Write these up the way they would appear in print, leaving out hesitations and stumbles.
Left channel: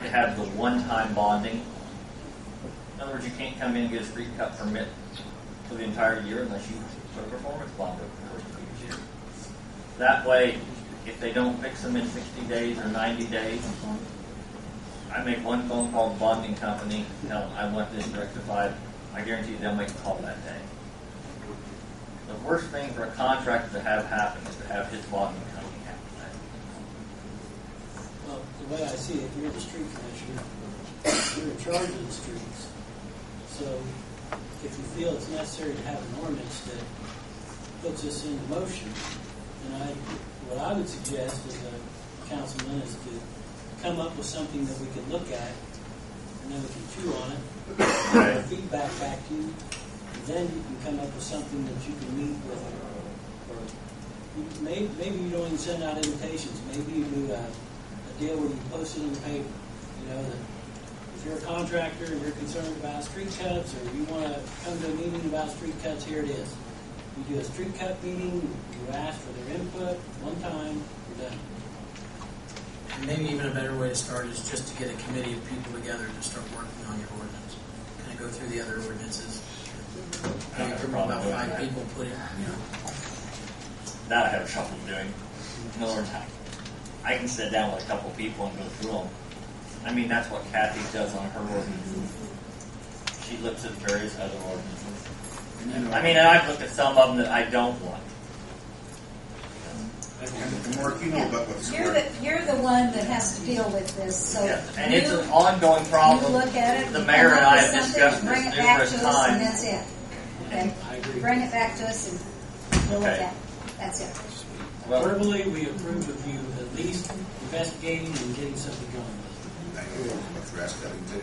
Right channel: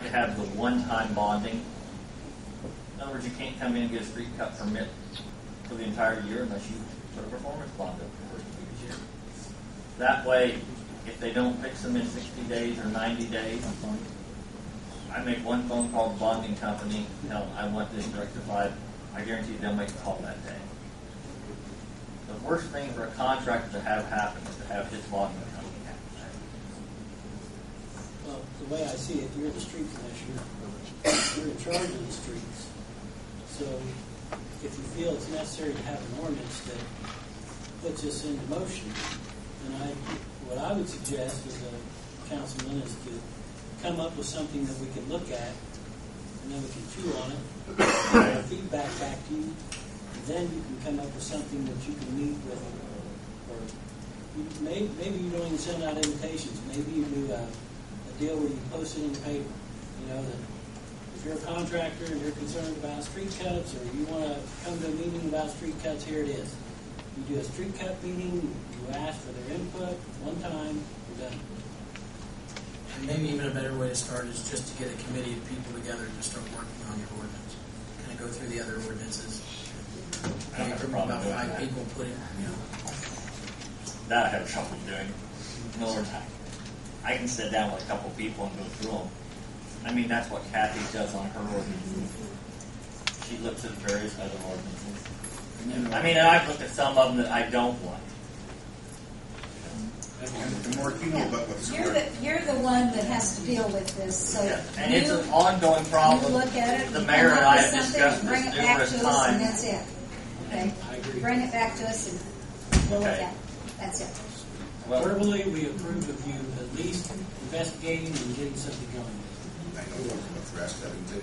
to have the one-time bonding. In other words, you can't come in and get a street cut permit for the entire year unless you put a performance bond over the first previous year. That way, if they don't fix them in 60 days or 90 days, I make one phone call to the bonding company, tell them I want this rectified. I guarantee you they'll make a call that day. The worst thing for a contractor to have happen is to have his bonding company happen. Well, the way I see it, you're the street commissioner. You're in charge of the streets. So if you feel it's necessary to have an ordinance that puts this into motion, then what I would suggest as a councilman is to come up with something that we can look at, and then we can chew on it, and feedback back to you, and then you can come up with something that you can meet with, or maybe you don't even send out invitations. Maybe you do a deal where you post it in the paper. You know, that if you're a contractor and you're concerned about street cuts, or you want to come to a meeting about street cuts, here it is. You do a street cut meeting, you ask for their input, one time, you're done. And maybe even a better way to start is just to get a committee of people together to start working on your ordinance. Kind of go through the other ordinances. I don't have a problem about doing 5 that. people putting, That I have trouble doing. In other words, I can sit down with a couple people and go through them. I mean, that's what Kathy does on her ordinances. She looks at various other ordinances. I mean, and I've looked at some of them that I don't like. And Mark, you know about what's You're the one that has to deal with this. So Yes, and it's an ongoing problem. You look at it. The you mayor come and up I with have something, discussed bring this it back numerous to us, and times. that's it. Okay. I agree. Bring it back to us, and we'll look Okay. at it. That's it. Well, Verbally, we approve of you at least investigating and getting something going. I know about grass cutting too.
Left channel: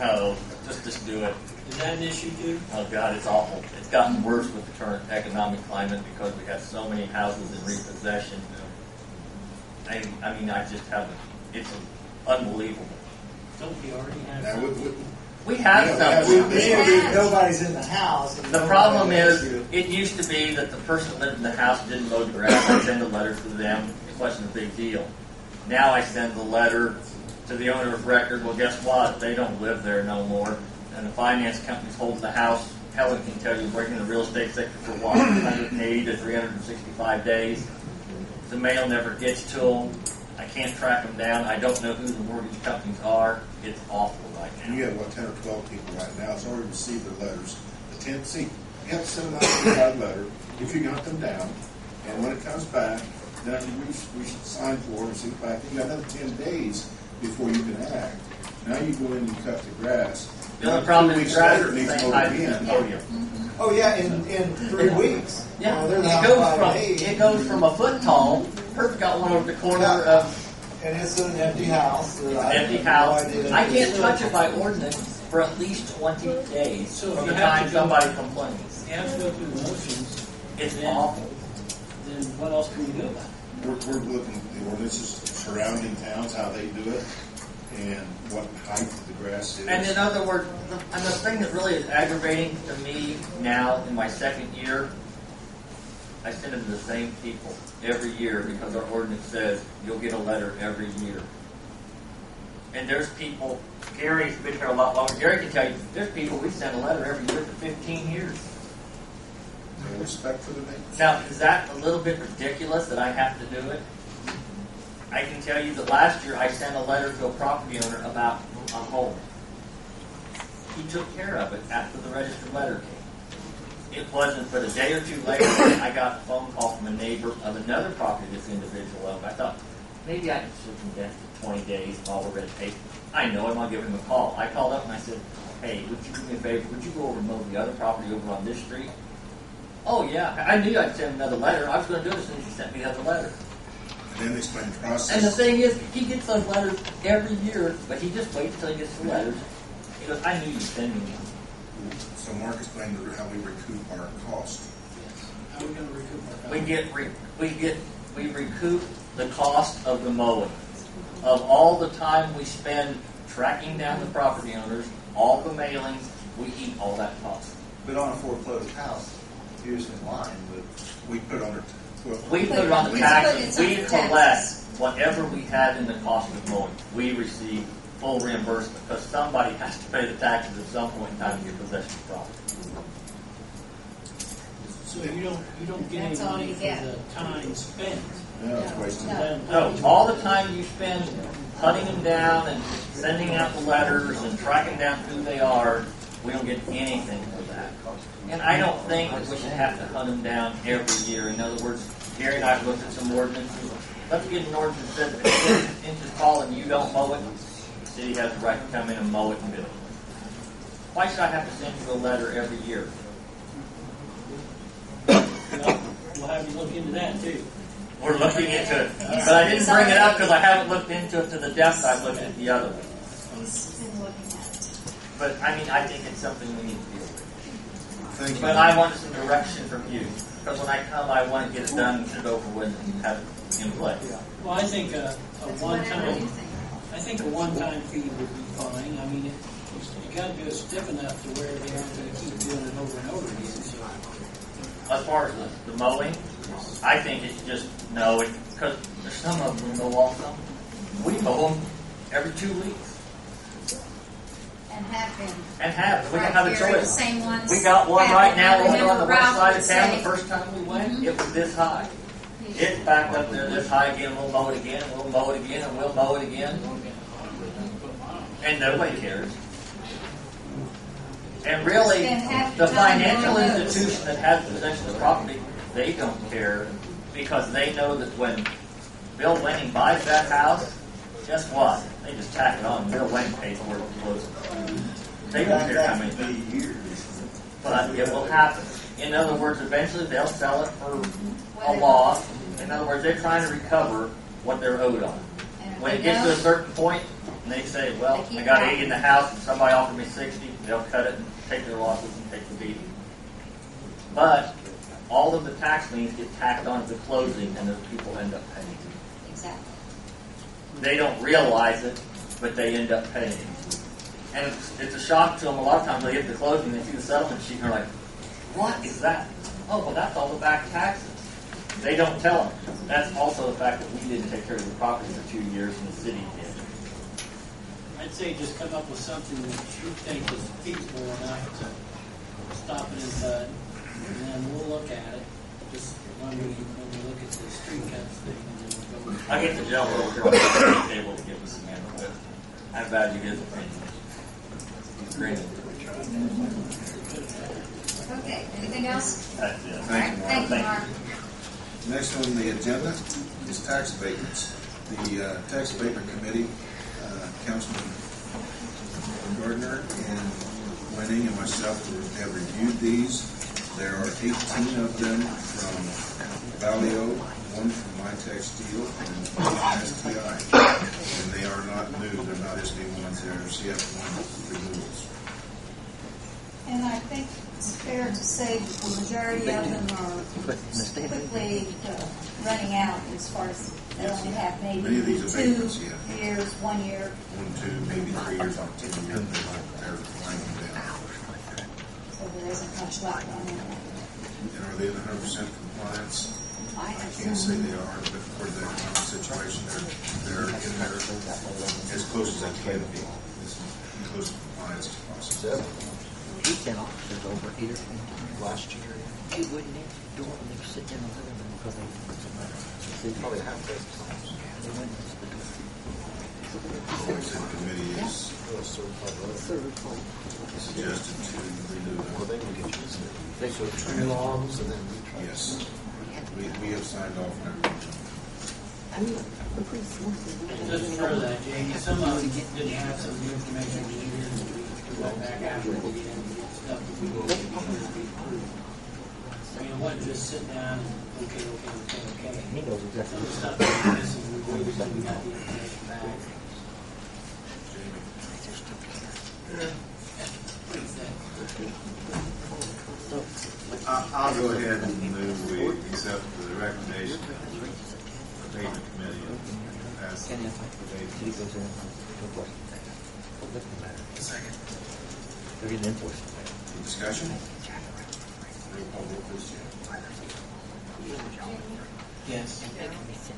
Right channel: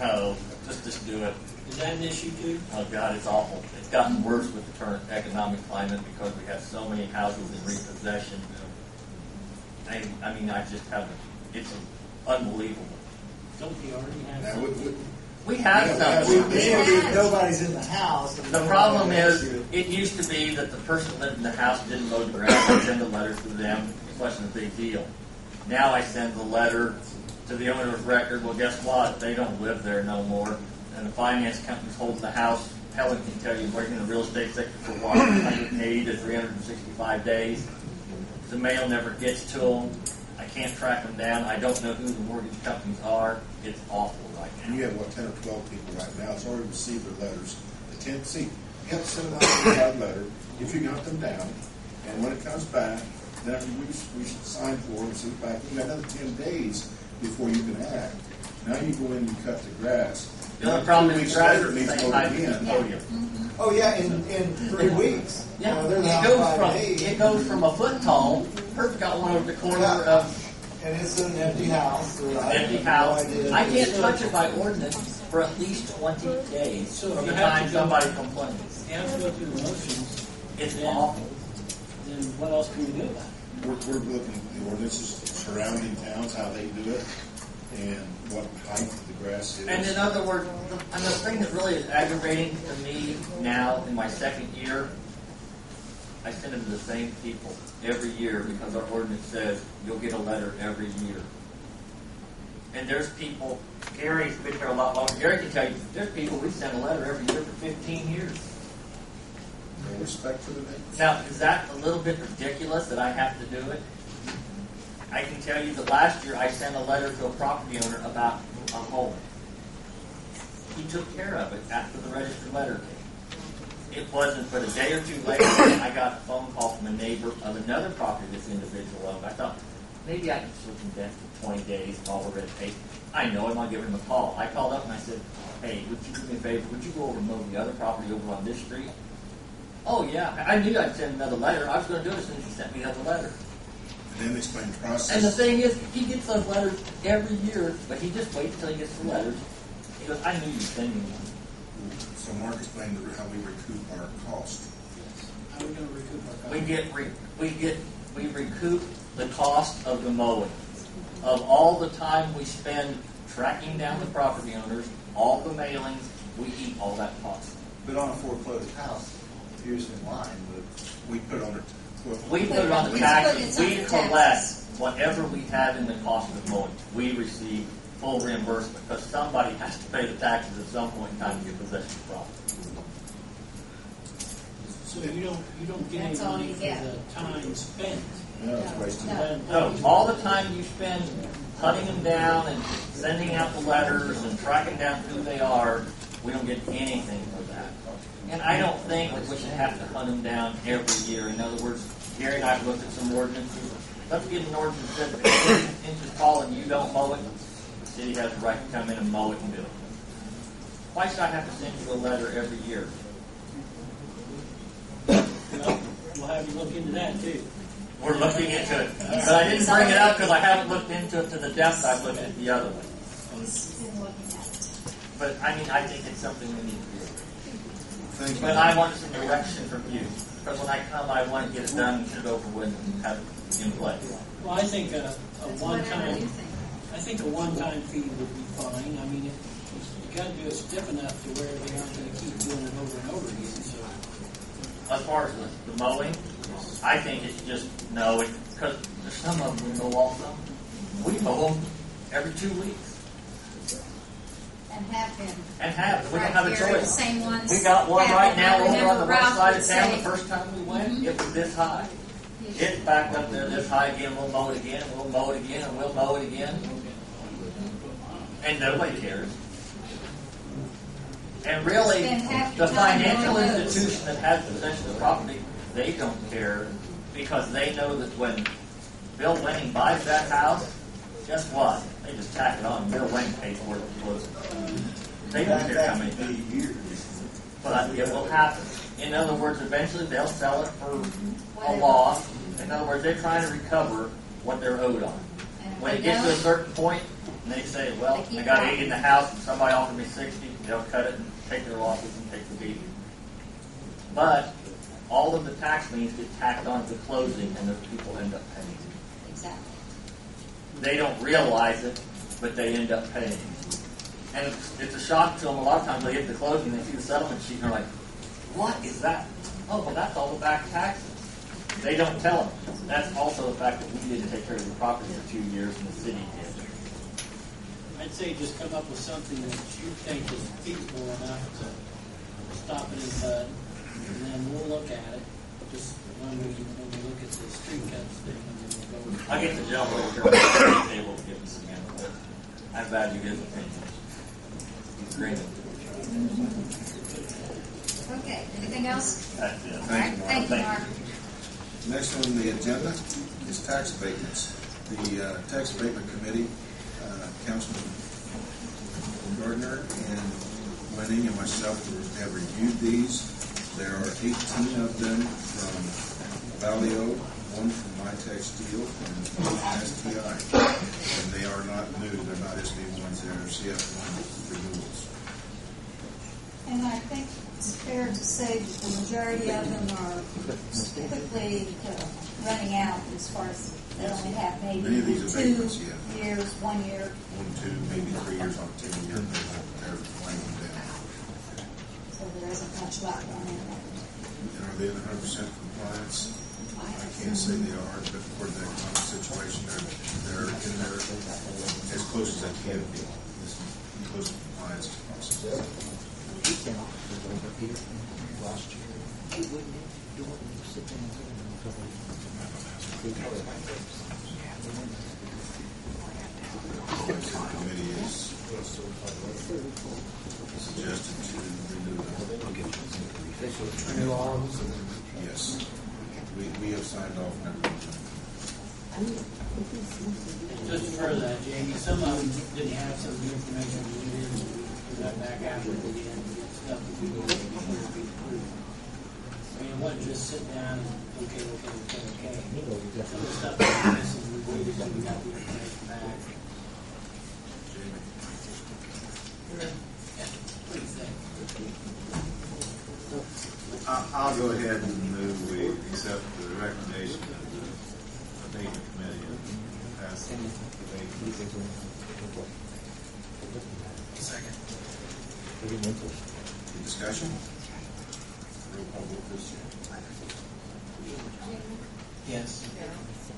no, just do it. Is that an issue too? Oh God, it's awful. It's gotten worse with the current economic climate because we have so many houses in repossession. I mean, I just haven't. It's unbelievable. Don't we already have Now, something? We have some. Nobody's in the house. The problem is, it used to be that the person that lived in the house didn't mow the grass. I send a letter to them. It wasn't a big deal. Now I send the letter to the owner of record. Well, guess what? They don't live there no more. And the finance company's holding the house. Helen can tell you, working in the real estate sector for what, 180 to 365 days. The mail never gets to them. I can't track them down. I don't know who the mortgage companies are. It's awful right And you now. have, 10 or 12 people right now that's already received their letters. The 10th, see, you have to send them out a letter if you got them down. And when it comes back, then after we should sign for it and send it back. You got another 10 days before you can act. Now you go in and cut the grass. The only problem 2 is weeks the grass later, is it the needs same mowed height as again. the podium. Oh yeah, in 3 weeks. Yeah, they're it not goes 5 from days. it goes from a foot tall. Perfect got one over the corner of And it's an empty house. an empty house. I can't touch it by ordinance for at least 20 days So if from you the have time to go- somebody complains. You have to go through the motions. It's then, awful. Then what else can we do about it? We're looking at the ordinances surrounding towns, how they do it, and what height the grass is. And in other words, and the thing that really is aggravating to me now in my second year, I send it to the same people every year because our ordinance says you'll get a letter every year. And there's people, Gary's been here a lot longer. Gary can tell you, there's people we send a letter every year for 15 years. No respect for the neighbors. Now, is that a little bit ridiculous that I have to do it? I can tell you that last year I sent a letter to a property owner about a home. He took care of it after the registered letter came. It wasn't but a day or two later I got a phone call from a neighbor of another property this individual owned. I thought, maybe I can circumvent the 20 days of all the red tape. I know him, I'll give him a call. I called up and I said, hey, would you do me a favor? Would you go over and mow the other property over on this street? Oh, yeah. I knew I'd send another letter. I was going to do it as soon as he sent me the other letter. And then explain the process. And the thing is, he gets those letters every year, but he just waits until he gets the letters. He goes, I knew you'd send me one. So Mark explained how we recoup our cost. Yes. How are we going to recoup our costs? We recoup the cost of the mowing, of all the time we spend tracking down the property owners, all the mailings, we eat all that cost. But on a foreclosed house, here's in line, but We put on it. We put it on the taxes. We collect whatever we had in the cost of mowing, we receive full reimbursement because somebody has to pay the taxes at some point in time to get possession of the property. So you don't get any That's all money you for get. the time spent. Yeah, it's wasted. No. No, all the time you spend hunting them down and sending out the letters and tracking down who they are, we don't get anything for that. And I don't think that we should have to hunt them down every year. In other words, Gary and I have looked at some ordinances. Let's get an ordinance that says if it's 10 inches tall and you don't mow it, the city has the right to come in and mow it and bill it. Why should I have to send you a letter every year? Well, we'll have you look into that too. We're looking into it. But I didn't bring it up because I haven't looked into it to the depth I've looked at the other one. He's been looking at it. But I mean, I think it's something we need to do. Thank you. But I want some direction from you. Because when I come, I want to get it done and get it over with and have it in place. Well, I think a It's whatever one-time, you think. I think a one-time fee would be fine. I mean, you got to do it stiff enough to where they aren't going to keep doing it over and over again. So, As far as the mowing, I think it's just no, because there's some of them we mow also. We mow them every 2 weeks And have been. and have. We don't Right have a here, the choice. same ones. We got one have right it. now I over on remember the west Ralph side would of town. say, The first time we went, Mhm. it was this high. It's back up there this high again. We'll mow it again. We'll mow it again, and we'll mow it again. And nobody cares. And really, Spend half the the time financial on those. institution that has possession of the property, they don't care because they know that when Bill Wenning buys that house, guess what? They just tack it on. Bill Wenning pays for it and closes it. They don't care how many. But it will happen. In other words, eventually they'll sell it for a loss. In other words, they're trying to recover what they're owed on. And When if it they gets to a don't, certain point, and they say, well, They keep I got buying. 80 in the house and somebody offered me 60, they'll cut it and take their losses and take the beating. But all of the tax liens get tacked on at the closing and those people end up paying. exactly. They don't realize it, but they end up paying. And it's a shock to them. A lot of times they get to the closing, they see the settlement sheet, and they're like, what is that? Oh, well, that's all the back taxes. They don't tell them. That's also the fact that we didn't take care of the property for 2 years and the city did. I'd say just come up with something that you think is feasible enough to stop it in the bud, and then we'll look at it. Just when we look at the street cuts thing, and then we'll go. I get the gentleman over here on the table to give us some input. I value his opinion. He's great. Okay, anything else? That's it. All right, thank you, Mark. Next on the agenda is tax abatements. The Tax Abatement Committee, Councilman Gardner and Wenning and myself have reviewed these. There are 18 of them from Valio, one from MyTech Steel, and one from STI. And they are not new. They're not SB1s. They're CF1 renewals. And I think it's fair to say that the majority of them are quickly running out as far as they only have Many maybe of these 2 abatements, yeah. years, 1 year. 1, 2, maybe 3 years on 10 years. They're winding down. So there isn't much left on it. And are they in 100% compliance? I I can't say they are, but for the economic situation, they're in there as close as they can be, as close to compliance as possible. He came up with over here last year. He wouldn't do it when they were sitting in the living room because they probably have those. The committee is suggested to renew them. They should turn it on and then Yes, we have signed off on everything. Just for that, Jamie, some of them didn't have some of the information we needed, so we went back after we get stuff that we needed to be approved. I mean, it wasn't just sit down and, okay. he knows exactly. Some stuff that was missing, we waited till we got the information back. Jamie? What do you think? I'll go ahead and move we accept the recommendation of the abatement committee and pass the abatement. Second. They're getting enforced. Any discussion? Roll call vote, please, Jim. Yes.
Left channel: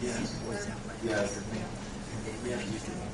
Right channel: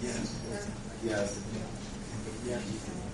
Yes. Yes. Yes. And then you can